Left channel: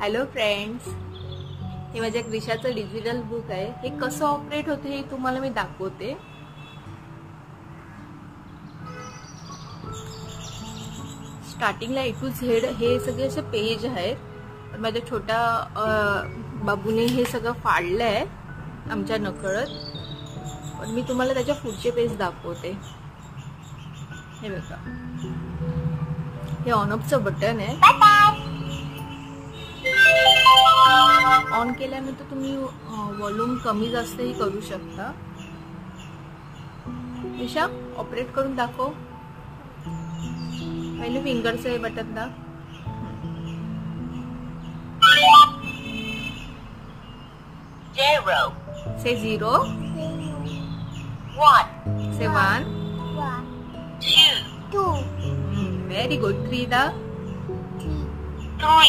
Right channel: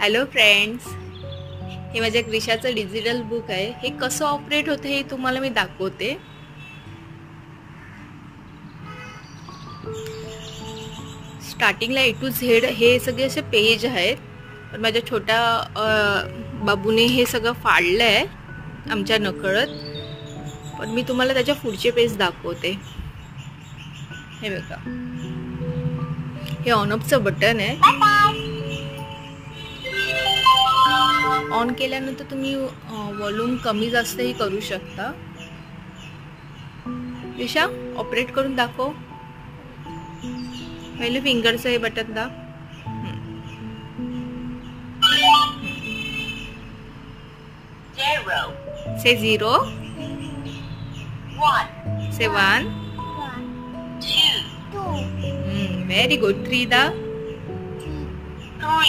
Hello friends, हे माझ्या क्रिशाचं digital book आहे. हे कसं ऑपरेट होते हे तुम्हाला मी दाखवते. स्टार्टिंगला A to Z हे सगळे असे पेज आहेत. पण माझ्या छोट्या बाबूने हे सगळं फाडलं आहे आमच्या नकळत. पण मी तुम्हाला त्याच्या पुढचे पेज दाखवते. हे बघा, हे ऑन ऑफचं बटन आहे. ऑन केल्यानंतर तुम्ही व्हॉल्यूम कमी जास्तही करू शकता. ईशा, ऑपरेट करून दाखव. पहिले फिंगरचं हे बटन दाब. से 0, 1, से 1, 2, व्हेरी गुड. 3 दाब. 3.